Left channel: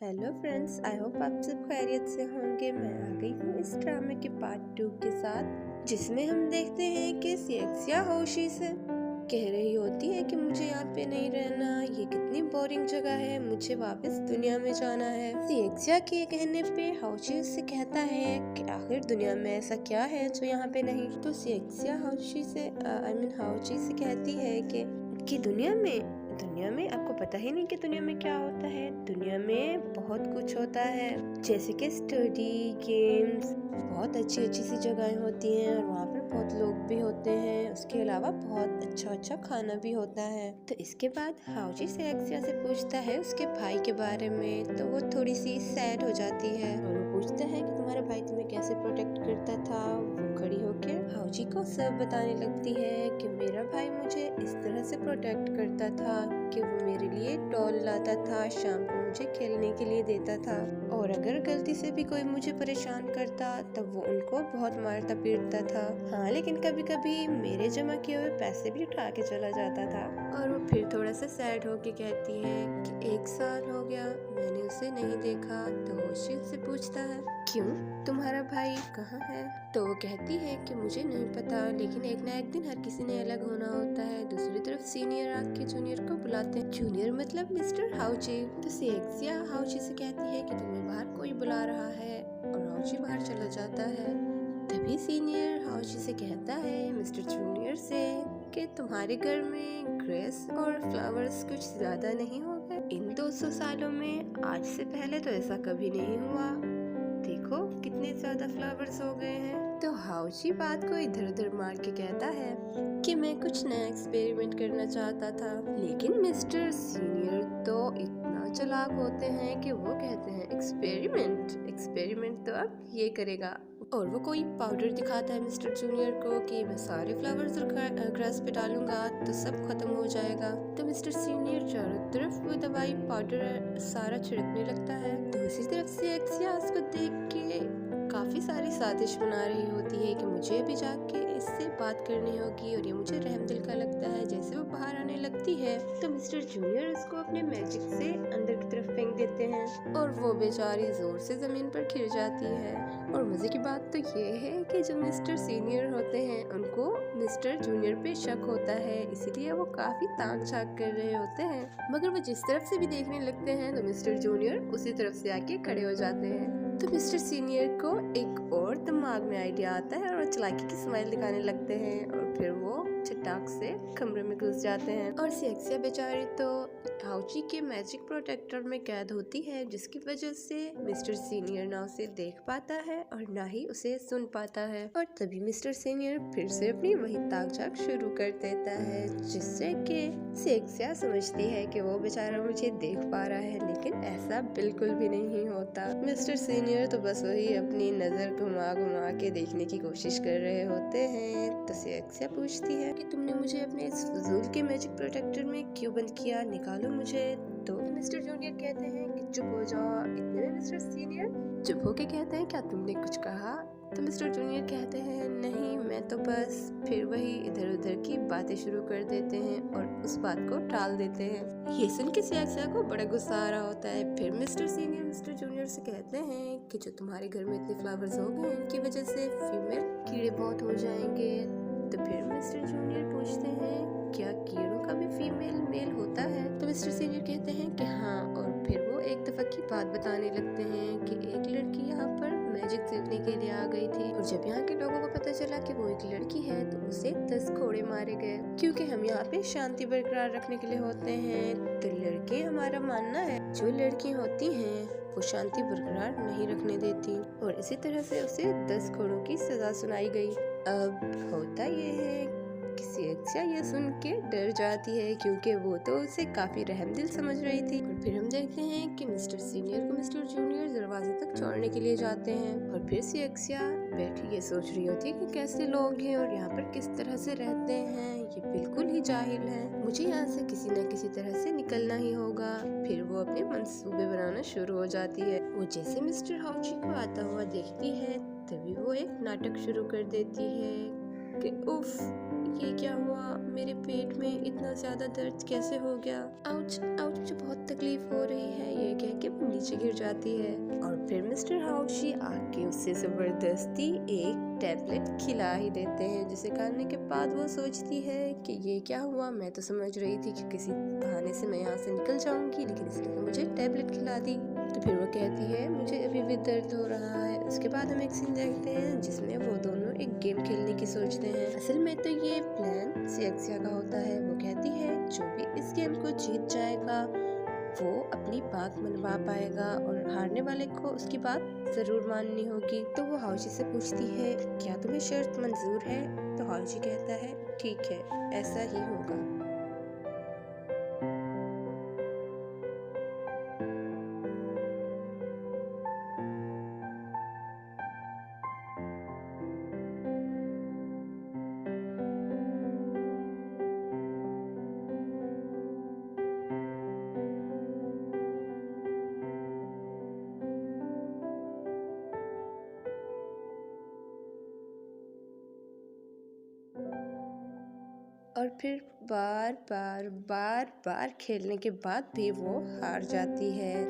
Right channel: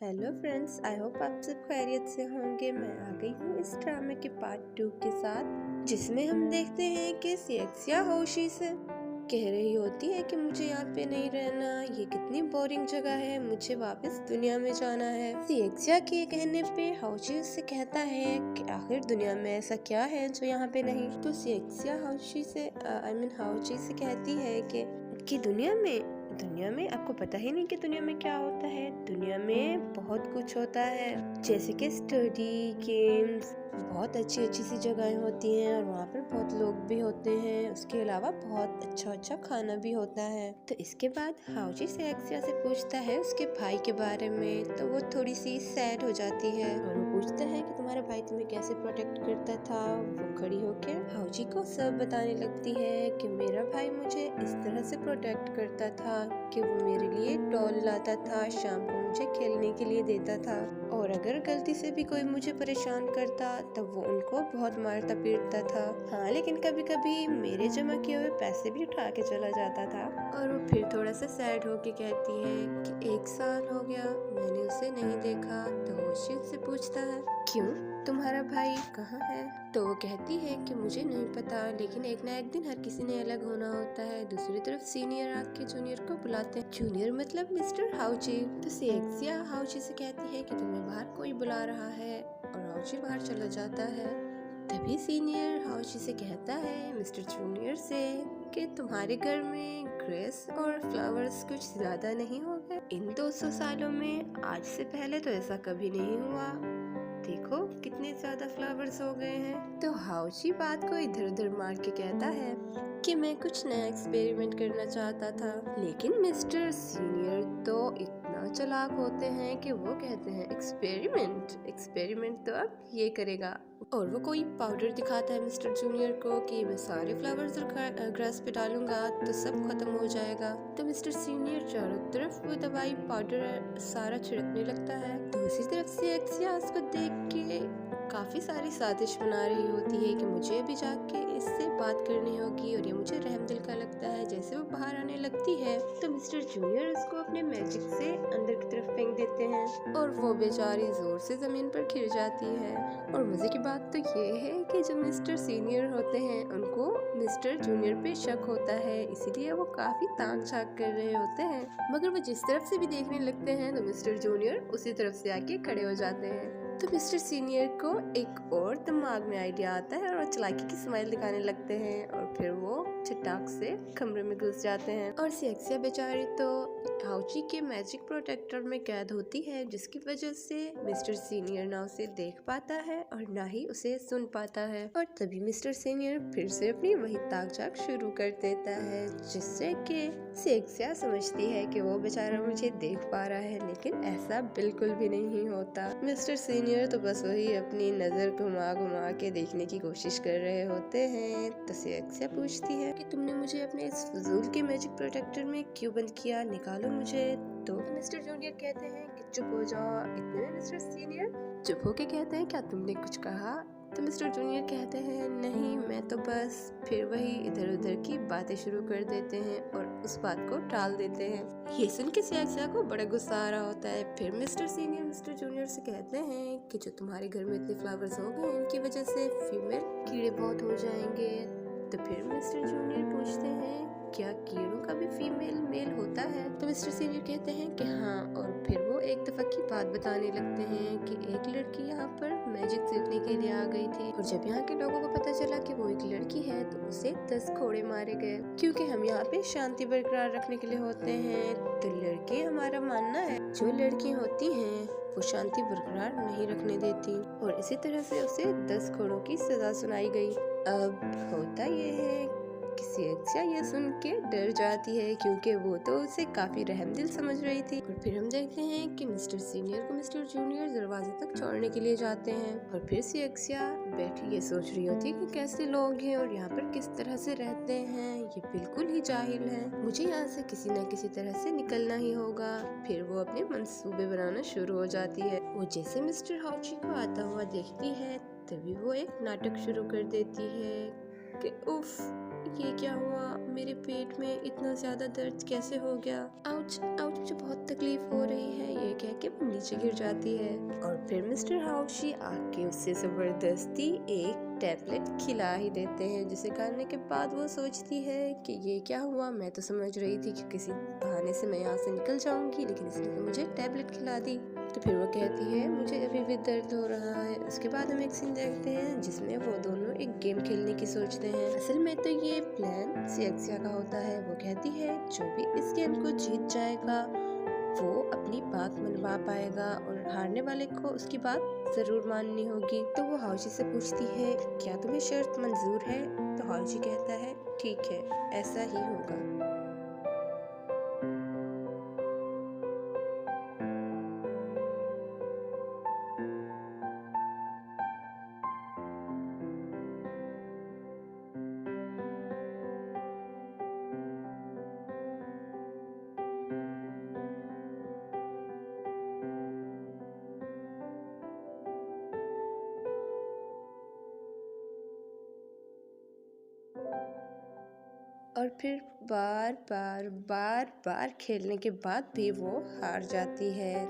Hello friends, I hope आप सब खैरियत से होंगे। मैं आ गई हूँ इस ड्रामे के पार्ट 2 के साथ, जिसमें हम देखते हैं कि सिएक्सिया होशी से कह रही होती है कि मुझे यहाँ पे नहीं रहना, ये कितनी बोरिंग जगह है, मुझे वापस दुनिया में जाना है। सिएक्सिया के कहने पे होशी उससे कहता है कि आखिर दुनिया में ऐसा क्या है जो यहाँ पे नहीं। तो सिएक्सिया होशी से होशी से कहती है कि दुनिया में आपको पता ही नहीं कि दुनिया में क्या होता है। दुनिया में बहुत कुछ होता है, जैसे कि स्टडी, गेम्स, बहुत अच्छी अच्छी सी जगहें होती हैं और वहाँ पर बहुत लोग भी होते हैं। उसके अलावा बहुत अच्छा अच्छा खाना भी होता है। तो इसके बाद हाउजी सिएक्सिया से पूछता है उसके भाई के बारे में, तो वो थोड़ी सी सैड हो जाती है और वो पूछता है कि तुम्हारा भाई तुम्हें कैसे प्रोटेक्ट करता था। वो खड़ी होकर हाउजी को सब बताने लगती है कि मेरा भाई मुझे इस तरह से प्रोटेक्ट करता था कि वो मेरे लिए डॉल लाता था, शाम को मुझे खेलने के लिए देता था, और अगर गलती से भी कोई मुझे परेशान करता तब वो उनको बहुत मारता पीटता था। हाँ, लेकिन कभी कभी मेरे जमा किए हुए पैसे भी उठा के चला जाता था। और वो फिर थोड़ा सा सैड होके कहती है कि 1 साल हो गया मैंने उसे नहीं देखा। तो होशी उससे पूछता है क्यों, तुम्हारा भाई कहाँ है? तो वो कहती है कि मुझे नहीं पता, लेकिन एक ना एक दिन हर किसी ने अलग होना होता है। दूसरी तरफ सीनियर आके जूनियर को बुलाते हैं, जूनियर मतलब मिस्टर हाउची। तो सिएक्सिया हाउची से कहती है कि तुम्हें बाहर कोई बुला रहा है, और हाउची बाहर चला जाता है। तभी सीनियर हाउची से कहता है मिस्टर जूनियर से कि तुम्हारे घर में ग्रेस और फ्लावर्स कुछ ज्यादा नहीं हो गए इन 200 सालों में? आज से पहले तो ऐसा कभी नहीं हुआ, देखो कितने ज्यादा फ्लावर्स हो गए हैं। तो हाउची बात को इधर उधर मार के कहता है कि मैं कुछ नया एक्सपेरिमेंट करना चाहता था, लेकिन मिस्टर सीनियर तो इतना चालाक होते हैं कि वो कहते हैं एक्सपेरिमेंट तो अब ये करेगा। और वो कोई पाउडर दिखाता है मिस्टर जूनियर को कि मैं सारे फ्लावर्स और ग्रास पे डालूंगा तो सब खत्म हो जाएगा। तो मिस्टर सीनियर चारों तरफ वो दवाई पाउडर सारा छिड़कने लगता है। दूसरी तरफ से एक्सिया उसको देख के काफी सारी साजिश बना रही होती है कि मुझे अभी जाके इससे बात करनी होगी, और ये मुझे रहम दिल का लगता है। जैसे वो बाहर आने लगती है तो मिस्टर जूनियर उसको अपने मैजिक से अंदर की तरफ फेंक देते हैं और वो बेचारी जोर से जमीन पर गिर जाती है। और मजे की बात तो ये है कि जो मिस्टर सीनियर होते हैं उनको मिस्टर जूनियर पे शक होता है, इसीलिए वो काफी ताक झाक कर रहे होते हैं। मगर वो जिस तरफ से भी देखने लगते हैं तो मिस्टर जूनियर उसी तरफ से आके खड़े हो जाते हैं। तो मिस्टर सीनियर को एक और दिमाग में आइडिया आता है और वो चालाकी की स्माइल दिखाने लगते हैं, और फिर वो चटाक से कमरे में घुस जाते हैं। और सिएक्सिया बेचारी तो हाउची के मैजिक प्रोटेक्टर में कैद होती है, जिसकी वजह से मिस्टर सीनियर ना उसे देख पाता है और ना ही उसे सुन पाता है। और तभी मिस्टर सीनियर फिर से अपनी वही ताक झाक शुरू कर देता है, जिससे कि सिएक्सिया समझती है कि वो बेचारा मुझे देख पा रहा है, लेकिन ऐसा बिल्कुल भी नहीं होता। मिस्टर सीनियर तो बस वही अपनी नजर घुमा घुमा के देखने की कोशिश कर रहे होते हैं। तो सिएक्सिया पूछती है कि तुमने मुझे अपने इस फजूल के मैजिक प्रोटेक्टर में क्यों बंद किया, निकालो मुझे। तो मिस्टर जूनियर कहते हैं कि चुप हो जाओ। इतने में मिस्टर सीनियर चुप होके कहते हैं क्या तुमने कुछ कहा? तो मिस्टर जूनियर कहते हैं नहीं, मैं तो बस, फिर वही इधर उधर की बातें शुरू कर देते हैं और उस बात को टाल देते हैं। ये सुन के सिएक्सिया को बड़ा गुस्सा आ रहा होता है। फिर मिस्टर सीनियर मिस्टर जूनियर से कहते हैं कि जो तुम्हारे घर में इतने फ्लावर्स हो गए इनकी वजह से फीमेल कीड़े बहुत हो जाएंगे। तो फिर मिस्टर जूनियर पूछते हैं क्या कीड़ों का भी फीमेल मेल होता है? तो मिस्टर सीनियर कहते हैं कि हाँ, और फिर वो एक दफा की बात बताने लगते हैं कि एक लड़की यहाँ पर मैजिक सीखने के लिए आ गई थी, और जब यहाँ के लोगों को पता चला कि वो एक लड़की है तो उसे 10 कोड़े मारे गए, क्योंकि हम यहाँ पे शांति बरकरार रखने के लिए होते हैं। तो लड़के, हमारा मानना है जो लड़की होती हैं वो शांति बरकरार नहीं रखने देती, और इसी तरह से उसे 10 कोड़ों की सजा सुनाई गई। अब होता ये है कि सिएक्सिया ये सुन के डर जाती है, क्योंकि वो तो उसे काफी रहमदिल समझ रही थी। और फिर हम देखते हैं कि मिस्टर सीनियर को मिस्टर जूनियर दरवाजे तक छोड़ने के लिए जाते हैं, और फिर सिएक्सिया बैठी ये सोच रही होती है कि कैसे लोग हैं और यहाँ पर किस तरह से रहते हैं, ये बिल्कुल ही जाहिल हैं, मुझे यहाँ से किसी न किसी तरह से निकलना ही होगा। फिर वो अपने मंसूबे बनाना शुरू हो जाती है। वो जैसे मिस्टर हाउची को आता हुआ देखती है तभी वो एक नाटक शुरू कर देती है कि उफ, ये क्या हुआ, मेरे पेट में इतना ज्यादा दर्द कैसे हो गया, आउच आउच, मुझे बहुत तकलीफ हो रही है, ये कह के वो नीचे गिर जाती है। और फिर मिस्टर हाउशी आके उसे जबरदस्ती एक टैबलेट खिला ही देते हैं, जिसे खाने के बाद वो सोचती है कि ये क्या हुआ, मैं तो समझ रही थी कि किसी बहाने से मैं यहाँ से निकल जाऊंगी, लेकिन इसने तो मुझे टैबलेट खिला दी। तो फिर वो कहती है मुझे अभी भी दर्द हो रहा है। उसके बाद हम एक सीन देखते हैं जिसमें वो दोनों एक गेम खेलने की सोचते हैं। असल में तो ये प्लान सिएक्सिया का होता है। वो कहती है जो भी इस गेम को जीत जाएगा वो अपनी बात मनवा पाएगा और हारने वाले को उसकी बात जरूर माननी होगी। तो वो हाउशी से पूछती है क्या तुम्हें शर्त मंजूर है? तो हाउशी कहता है ठीक है, ऐसा ही होगा। और फिर बार खेलने के बाद भी वो हार जाती है।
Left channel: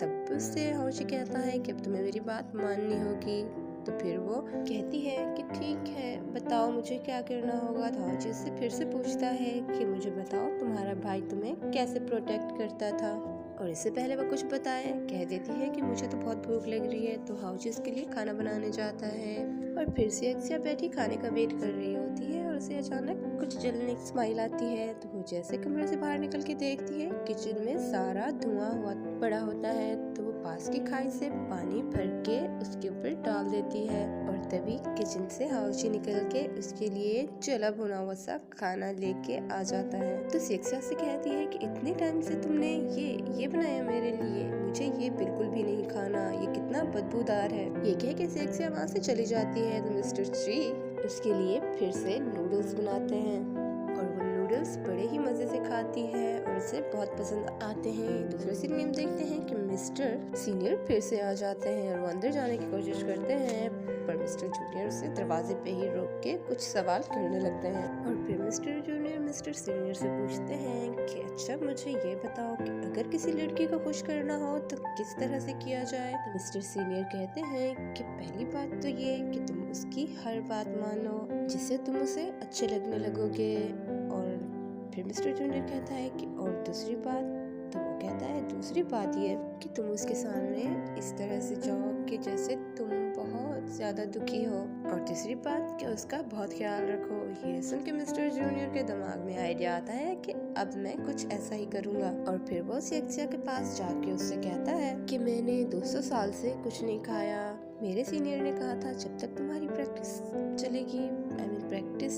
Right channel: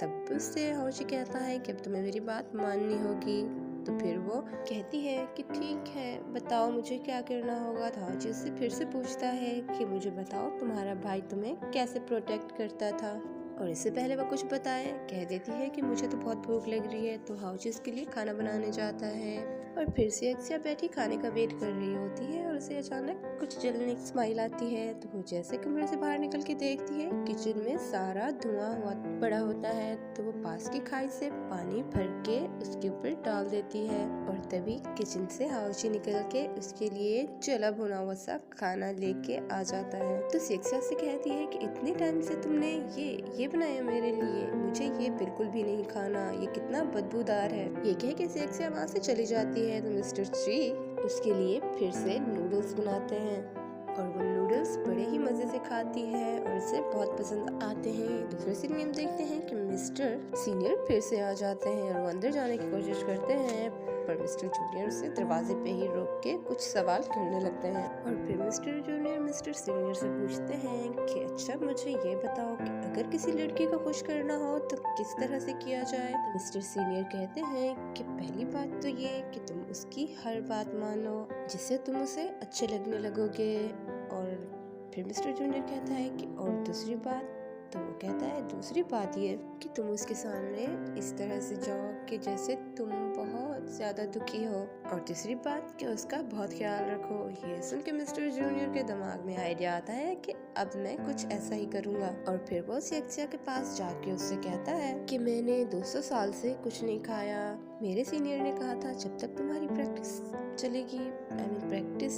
तब उससे हाउशी कहता है कि अब तुम्हें मेरी बात माननी होगी। तो फिर वो कहती है कि ठीक है, बताओ मुझे क्या करना होगा। तो हाउशी उससे फिर से पूछता है कि मुझे बताओ तुम्हारा भाई तुम्हें कैसे प्रोटेक्ट करता था। और इससे पहले वो कुछ बताए कह देती है कि मुझे तो बहुत भूख लग रही है। तो हाउशी उसके लिए खाना बनाने जाता है। और फिर से अक्सिया बैठी खाने का वेट कर रही होती है और उसे अचानक कुछ जलने की स्माइल आती है। तो वो जैसे कमरे से बाहर निकल के देखती है किचन में सारा धुआं हुआ पड़ा होता है। तो वो पास की खाई से पानी भर के उसके ऊपर डाल देती है और तभी किचन से हाउशी निकल के उसके लिए जला भुना हुआ सा खाना लेके आ जाता है। तो अक्सिया से कहती है कि इतने टाइम से तुमने ये बनाया मेरे लिए, मुझे ये बिल्कुल भी नहीं खाना, ये कितना बदबूदार है। ये कह के अक्सिया वहाँ से चली जाती है। तो मिस्टर ची उसके लिए फिर से नूडल्स बनाते हैं और वो नूडल्स बड़े ही मजे से खाती है और उसे बहुत पसंद आते हैं। दूसरे सीन में हम देखते हैं कि मिस्टर सीनियर फिर से आ जाते हैं और वो अंदर जाने की कोशिश करते हैं, पर मिस्टर जूनियर उसे दरवाजे पे ही रोक के कुछ सवाल करने लगते हैं। और फिर मिस्टर जूनियर मिस्टर सीनियर से पूछते हैं कि अच्छा मुझे ये बताओ कि अगर किसी लड़की को खुश करना हो तो किस तरह से किया जाए। तो मिस्टर सीनियर कहते हैं कि पहली बात तो ये कि तुम उसकी हर बात मानो जिससे तुम उसे अच्छे लगने लगोगे। और फिर मिस्टर जूनियर कहता है कि और दूसरी बात। तो वो कहता है दूसरी बात ये कि तुम उसके सामने इस तरह से जाओ कि जैसे तुम बहुत ज्यादा दुखी हो। और तीसरी बात कि उसका बहुत ख्याल रखो। ये सुन के मिस्टर जूनियर के दिमाग में आइडिया आता है कि अब मैं कुछ ऐसा ही करूँगा। और फिर वो सिएक्सिया के पास जाके उससे कहता है कि मैंने 200 साल से कुछ नहीं खाया। मेरे सीनियर ने कहा था जब तक तुम्हारी प्रैक्टिस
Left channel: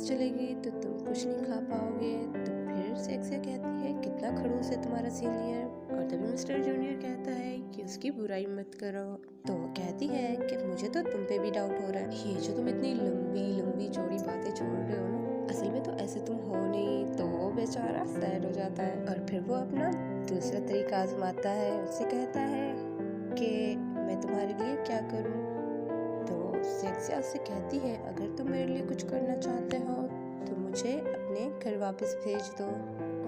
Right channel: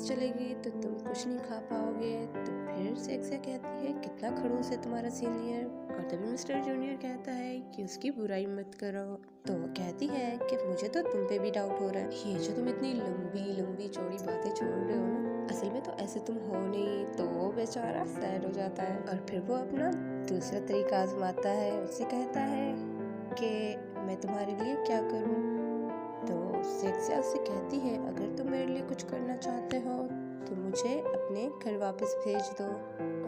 चलेगी तो तुम कुछ नहीं खा पाओगे। तो फिर सिएक्सिया कहती है कितना खड़ूस है तुम्हारा सीनियर। और तभी मिस्टर जूनियर कहता है कि उसकी बुराई मत करो। तो वो कहती है कि मुझे तो तुम पे भी डाउट हो रहा है, ये जो तुम इतनी लंबी चौड़ी बातें छोड़ रहे हो ना, असल में तो ऐसे तुम हो नहीं। तो वो बेचारा सैड हो जाता है और फिर वो अपना दूसरा तरीका आजमाता है। उससे कहता है कि मैं तुम्हारे लिए क्या करूं। तो सिएक्सिया उससे कहती है अगर तुम मेरे लिए कुछ करना चाहते हो तो मुझे अपने घर वापस भेज दो।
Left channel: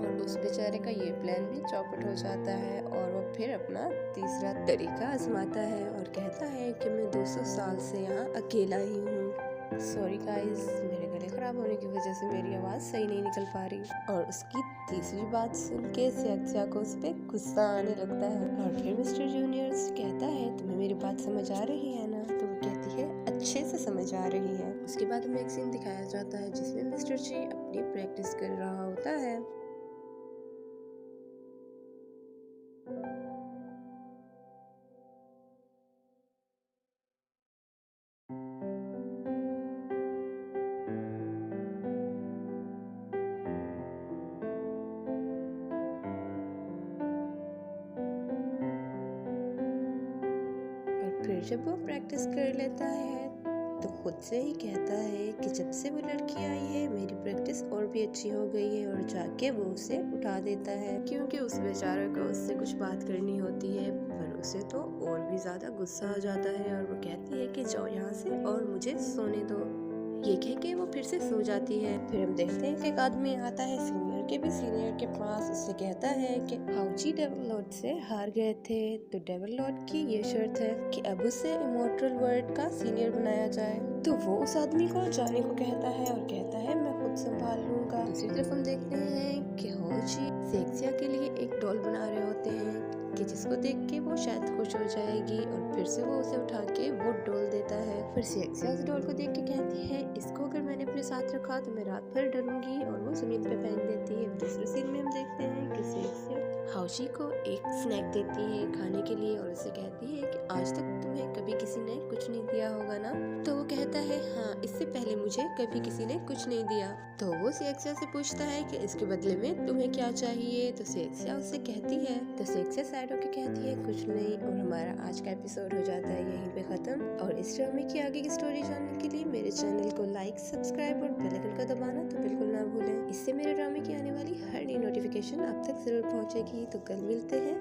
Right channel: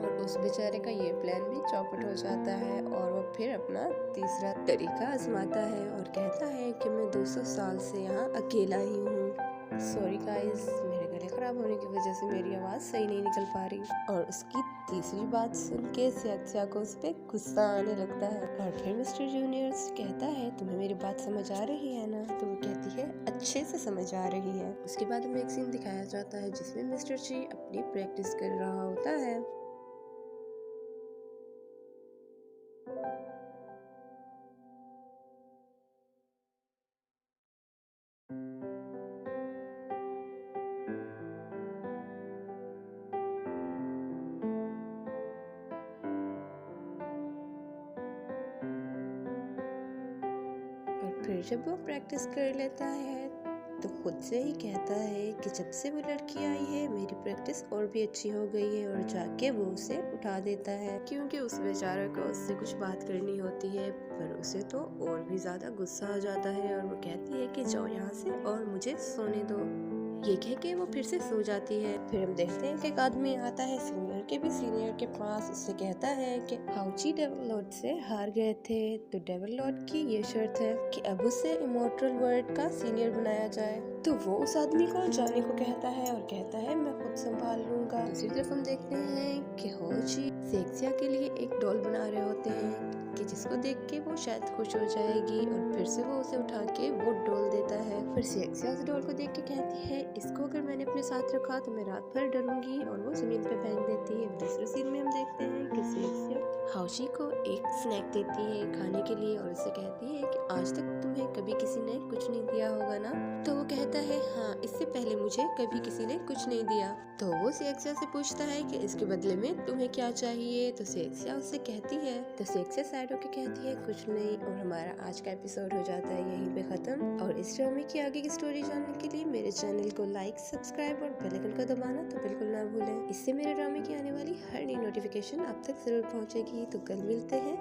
और उस बेचारे का ये प्लान भी चौपट हो जाता है और वो फिर अपना तीसरा तरीका आजमाता है और कहता है कि मैं 200 साल से यहाँ अकेला ही हूँ। सॉरी गाइस, मेरे गले खराब होने की वजह से मेरी आवाज़ सही नहीं निकल पा रही। और उसकी तीसरी बात सुन के सिएक्सिया को उस पर गुस्सा आने लगता है। और फिर मिस्टर जूनियर कहता है तुम्हें मेरी बात समझ आ रही है ना। तो वो कहती है अच्छे से समझ आ रही है। उसके बाद हमें एक सीन दिखाया जाता है जिसमें मिस्टर ची अपनी प्रैक्टिस कर रहा होता है। और फिर जब वो प्रैक्टिस कर लेता है तो खुद से ही कहता है कि जब से वो लड़की आई है मेरी प्रैक्टिस और भी अच्छी हो गई है। और जाके वो उसे उठा देता है क्योंकि उस बेचारे को उससे कुछ बात करनी होती है, पर उसे तो और भी ज्यादा गुस्सा आ जाता है और वो कहती है कि जाओ यहाँ से और मुझे सोने दो। ये कह के वो फिर से सो जाती है। फिर हम देखते हैं कि एक आदमी आता है सीनियर के भी सीनियर के पास, उससे कहता है कि हाउची डेविल लॉर्ड से हार गए थे, तो डेविल लॉर्ड की ये शर्त है कि अब उसे इमॉर्टल वर्ल्ड का सीनियर बनाया जाए। तो वो उस आदमी को जाने को कहता है और कहता है मैं खुद संभाल लूंगा। दूसरी तरफ हम देखते हैं कि होची सेक्सिया के लिए एक डॉल बना रहे होते हैं कि जिसको देख के वो शायद खुश हो जाएगी, और फिर से वो उसे उठा के वो डॉल देता है। फिर सेक्सिया उस डॉल को देख के कहती है इसको अगर मैंने अपने साथ रखा तो मैं रात भर डरूंगी, और वो जमीन पे फेंक देती है। दूसरे सीन में हम देखते हैं कि सेक्सिया हाउशी को एक स्नैक देती है खाने के लिए और उससे कहती है कि आज तक तुम्हें कभी किसी ने कुछ नहीं दिया होगा ना। तो वो कहता है हाँ, इससे पहले मुझे कभी किसी ने कुछ नहीं दिया। तो वो सेक्सिया से पूछता है कि इसके बदले में तुम्हें क्या चाहिए। तो सेक्सिया उससे कहती है, तो सेक्सिया साइड होके कहती है कुछ नहीं, और हमारा आज का एपिसोड हो जाता है यहीं पे खत्म। और इस ड्रामे की आगे की स्टोरी जानने के लिए मेरे चैनल को लाइक, सब्सक्राइब और बेल आइकन को दबाना तो बिल्कुल ना भूलें। इससे मेरे ड्रामे की आने वाली हर नई नोटिफिकेशन आप तक जरूर पहुंचेगी। तो कल मिलते हैं।